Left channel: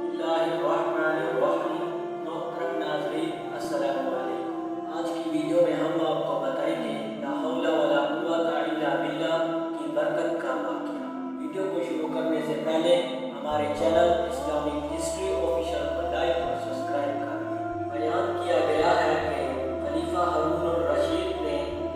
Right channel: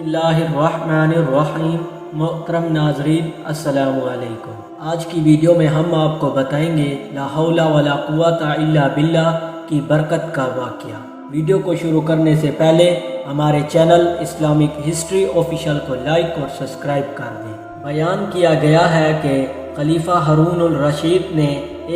बिस्मिल्लाहिर्रहमानिर्रहीम। मोहतरम नाज़रीन, अस्सलाम वालेकुम। आज की वीडियो में हम आपको बताएंगे ला हौला वला कुव्वता इल्ला बिल्लाह की बरकत का वाक़या। वीडियो को शुरू करने से पहले हमारे चैनल इस्लामिक हिस्ट्री ऑफिशियल को लाइक और सब्सक्राइब कर दें। बयान किया गया है कि खलीफा हारून अल रशीद ने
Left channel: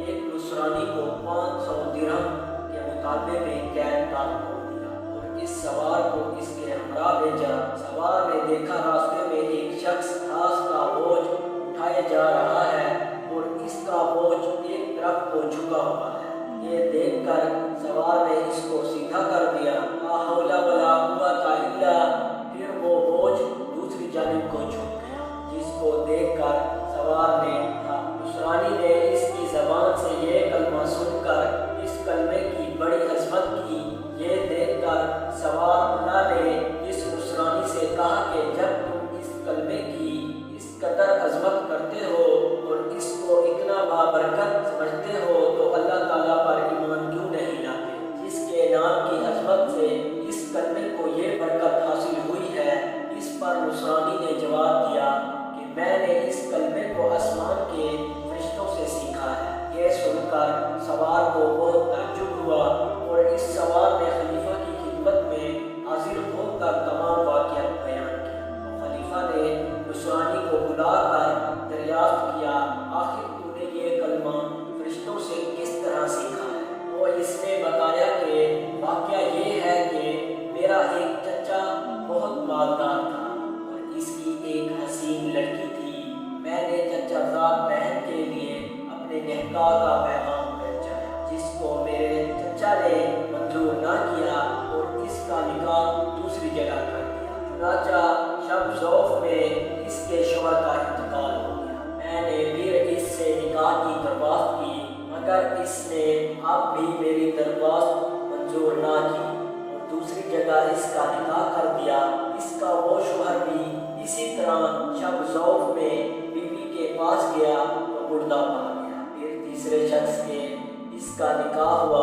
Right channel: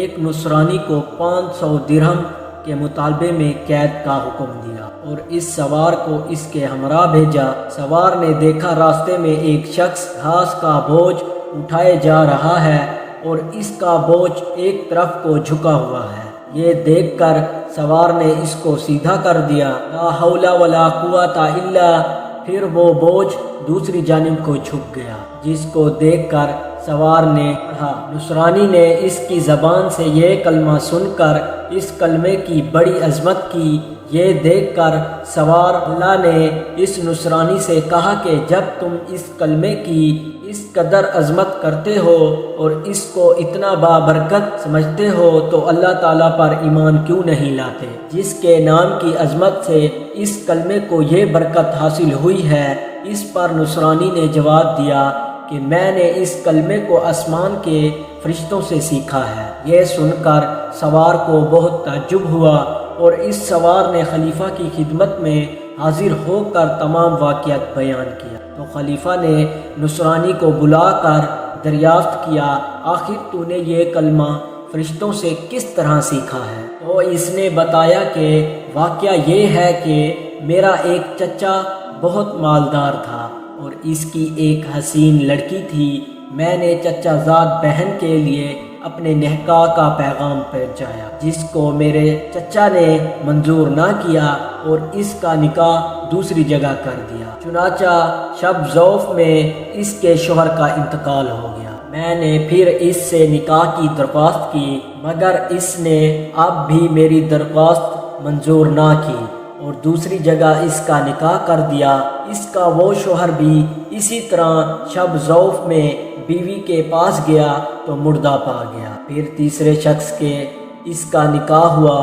एक नुसरानी को 500 दिरहम के मुतालबे में कैद का हुक्म दिया और इस सवार को इसके हमरा भेजा। सवार ने देखा रास्ते में एक शख्स घास का बोझ उठाए जा रहा है और इसका बोझ एक तरफ को झुका हुआ है। ये देखकर सवार ने इसको सीधा कर दिया। ला हौला वला कुव्वता इल्ला। फिर वो बोझ दूसरी जानिब को झुक गया, जिसको देखकर सवार ने कहा। नुसरानी ने इसकी ज़बान से ये कलमा सुनकर इस कलमे की बड़ी अजमत की। ये देखकर सवार अल्लाह ने इस नुसरानी से कहा कि जब तुम इस कलमे की इस कदर अजमत करते हो और इसको इतना बाबरकत समझते हो तो अल्लाह ताला पर ईमान क्यों नहीं लाते, जिसके नाम की अजमत से इस कलमे को ये बरकत हासिल हुई है। इस पर नुसरानी ने जवाब दिया कि मैंने इस कलमे को आसमान के फरिश्तों से सीखा है। यह सुनकर सवार को बहुत ताज्जुब हुआ और इस सवार ने खलीफा की खिदमत में हाजिर होकर तमाम वाक़ियात बयान किया। तो खलीफा ने नुसरानी को बुलाकर दरियाफ्त किया, आखिर तूने ये कलमा फरिश्तों से किस तरह सीखा है? तो इसने बताया कि वाक़या ये है कि मेरा एक चचा बहुत मालदार था और इसकी एक हसीन लड़की थी। मैंने चचाज़ाद बहन के लिए अपने निकाह का पैगाम पहुँचाया, जिसको मेरे चचा ने मंजूर ना किया और इसका निकाह दूसरी जगह कर दिया। चुनाचा शब ज़ौफ़ में इसके शोहर का इंतकाल हो गया। मैंने फिर इससे निकाह की दरख्वास्त की, मगर इसने अब भी मेरी दरख्वास्त मंजूर ना की और दूसरी जगह इसका निकाह कर दिया। इसका वो शोहर भी इसी तरह शब ज़ौफ़ में बीवी के पास गया तो मुर्दा पा गया। फिर तीसरे शख्स के इसका निकाह हुआ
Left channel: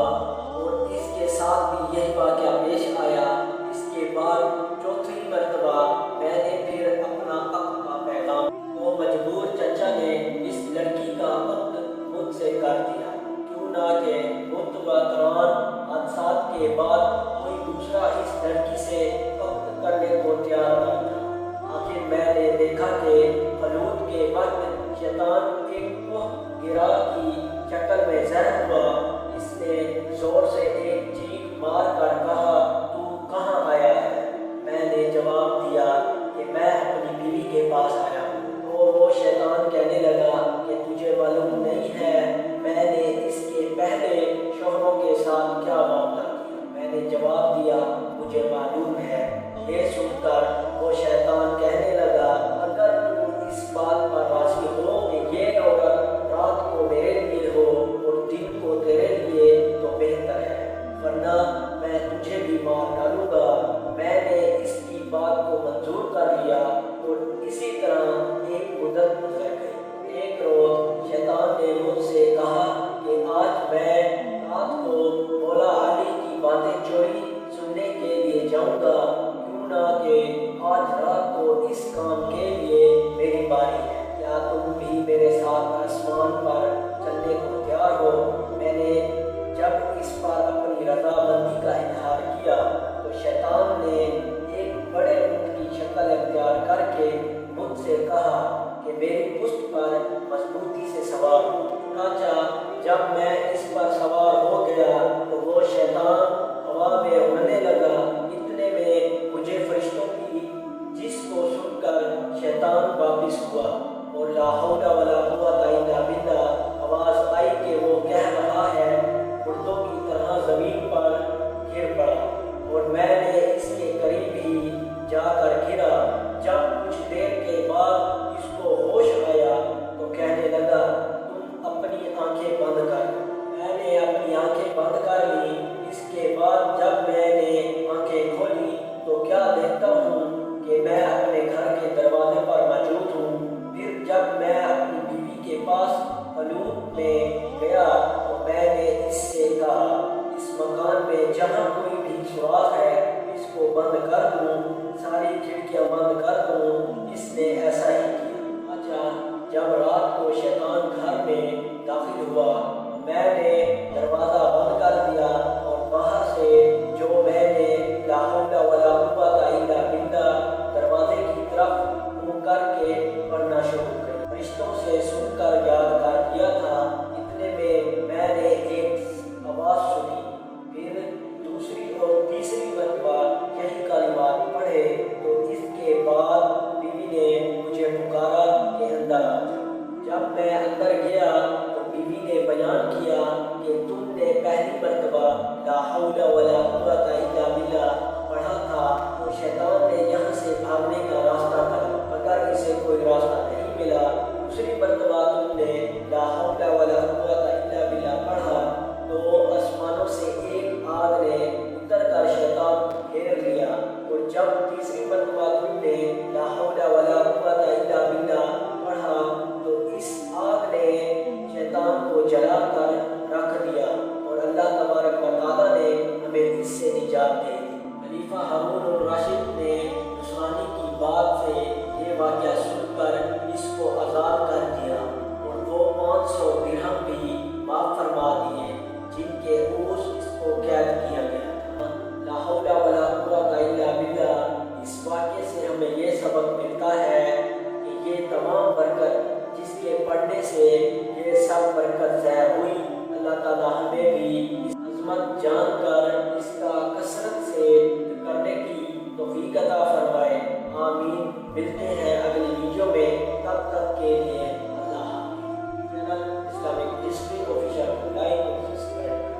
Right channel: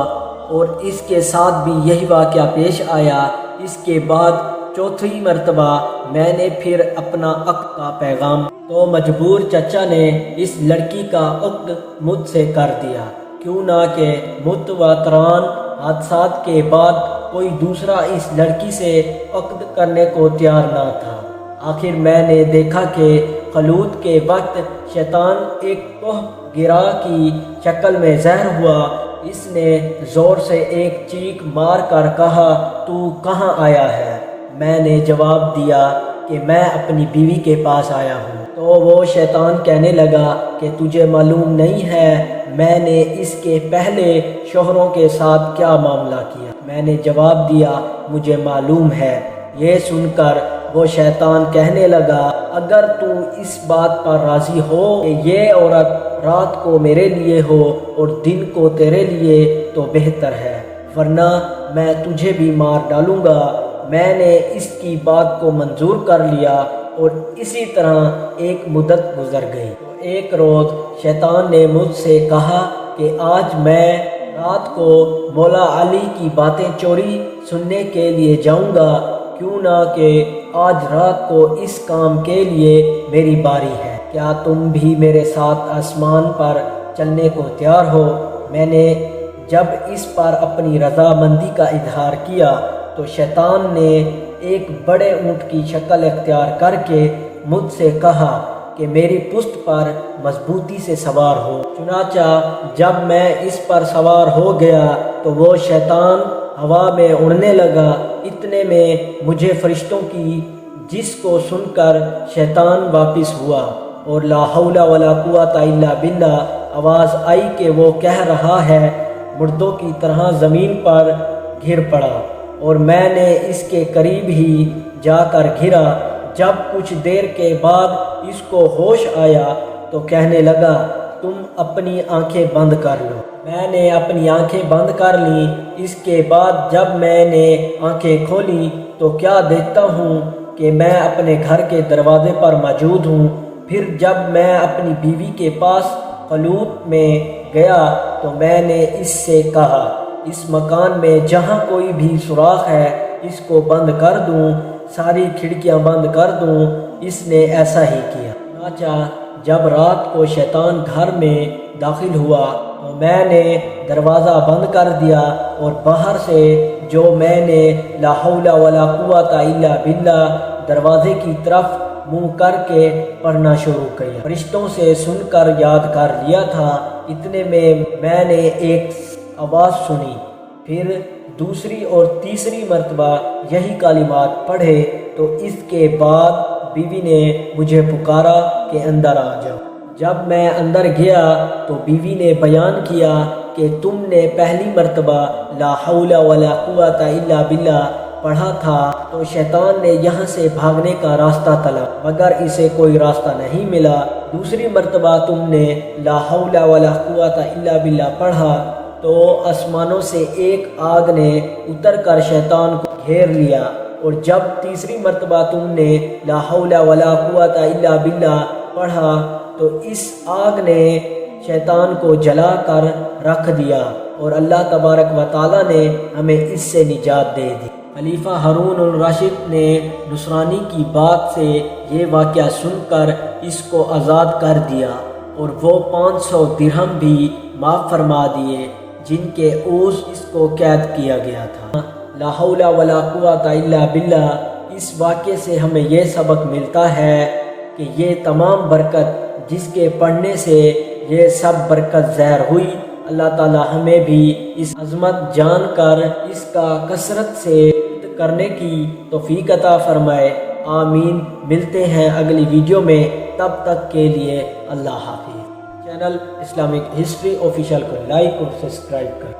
और इसके साथ भी यही वाक़या पेश आया। इसके बाद चौथी मर्तबा मैंने फिर अपना अक़्द का पैगाम, तो मजबूर चचा ने इस लड़की का अक़्द मुझसे कर दिया, क्यों ना कि मुतवातरान हादसात के बाद कोई दूसरा इस लड़की से अक़्द करने को तैयार ना था। आखिर मैंने देखा कि खलूत के वक्त शैतान एक कोह गिरा की शक्ल में ज़हर हुआ। इसने ज़ोर से एक चीख मार कर कहा, तू कहाँ आया है? मैंने जवाब दिया कि मैं अपनी बीवी के पास आया हूँ। तो वो शैतान कहने लगा कि तुझे मालूम नहीं है मैंने इसके पहले शोहरों के साथ क्या मामला किया? मैंने जवाब दिया, मुझे मालूम है। ये सुनकर वो शैतान कहने लगा, अगर तू इस बात पर राज़ी हो कि ये औरत रात को मेरे लिए हो और दिन को तेरे लिए तो बेहतर है, वरना मैं तुझे भी मार डालूँगा। मैंने इसकी बात को मंजूर कर लिया और इसी तरह एक मुद्दत गुजर गई। एक रोज़ शैतान ने मुझसे कहा कि आज मैं रात को मौला अली की बातें चोरी सुनने के लिए जाऊंगा, क्यों ना कि आज रात को इस काम के लिए मेरी बारी है। क्या तुम भी मेरे साथ आसमान पर चलने को तैयार हो? मैंने जब इस पर अपनी रज़ामंदी का इजहार किया तो शैतान ने एक बड़े ऊँट की शक्ल इख्तियार करके मुझसे कहा कि मेरी पुश्त पर मजबूती से सवार हो। चुनाचा जब मैं इस पर सवार हो गया तो वो शैतान हवा में उड़ने लगा। इतने में मुझे फरिश्तों की जिसको सुनकर शैतान वापस हुआ और ला हौला वला कुव्वता इल्ला बिल्लाह आवाज़ आई कि वो कह रहा है, मुर्दों की तरह ज़मीन पर गिर पड़ा और मैंने इसके करीब ही जाकर घिरा। जब कुछ देर के बाद इसको होश आया तो कहने लगा, तुम अपनी आंखें बंद कर लो। मैंने अपनी आंखें बंद कर ली। इसके बाद जब मैंने आंखें खोली तो क्या देखता हूँ कि मैं अपने घर के दरवाजे पर मौजूद हूँ। फिर जब मैं अपनी बीवी के पास खलूत में गया तो मैंने इससे कहा, इस मकान में जहाँ कोई भी सुराख है इसको बंद कर दूँ। ساری کھڑکیاں بند کر دوں، اس نے ایسا ہی کیا۔ چنانچہ جب رات کو شیطان گھر میں داخل ہوا تو میں نے دروازہ بند کر دیا اور باہر سے جو میں نے لا حول ولا قوت الا باللہ دروازے کی طرف منہ کر کے پڑھنا شروع کیا۔ فرشتوں سے سن کر یاد کر لیا تھا، اتنے میں نے ایک آواز سنی، پھر دوسری اور تیسری مرتبہ یہی کلمات پڑھے تو اس کے بعد بیوی نے مجھے پکارا کہ اندر آ جاؤ۔ جب میں اندر گیا تو بیوی نے بیان کیا کہ تم نے پہلی مرتبہ لا حول ولا قوت الا باللہ پڑھا تھا تو شیطان نے یہاں سے بھاگنے کا راستہ تلا مگر اسے کوئی راستہ نہیں ملا۔ دوسری مرتبہ تم نے لا حول ولا قوت الا باللہ پڑھا تو آسمانوں سے ایک آگ نے اتر کر شیطان کو گھیر لیا، اور جب تیسری مرتبہ تم نے لا حول ولا قوت الا باللہ پڑھا تو اس آگ نے شیطان کو جلا کر رکھ دیا، اور اللہ تبارک و تعالیٰ نے ہمیں اس سے نجات دے دی۔ خلیفہ ہارون الرشید نے نصرانی کی بات سے یہ واقعہ سن کر اس کو آزاد کر دیا اور وہ 500 درہم بھی معاف فرما دیے جن کے اوس اس کو قید کیا گیا تھا۔ لا حول ولا قوت الا باللہ، اس واقعے سے ہمیں یہ سبق ملتا ہے کہ یہ تمام برکت جس کے پڑھنے سے یہ سب برکت ظاہر ہوئی، اللہ تعالی ہمیں بھی اس عظمت جان کر اس کا کثرت سے کرنے کی توفیق عطا فرمائے، آمین۔ ملتے ہیں اگلی ویڈیو میں، تب تک کے لیے اللہ حافظ۔ چینل اسلامک ہسٹری آفیشیل کو لائک اور سبسکرائب کریں۔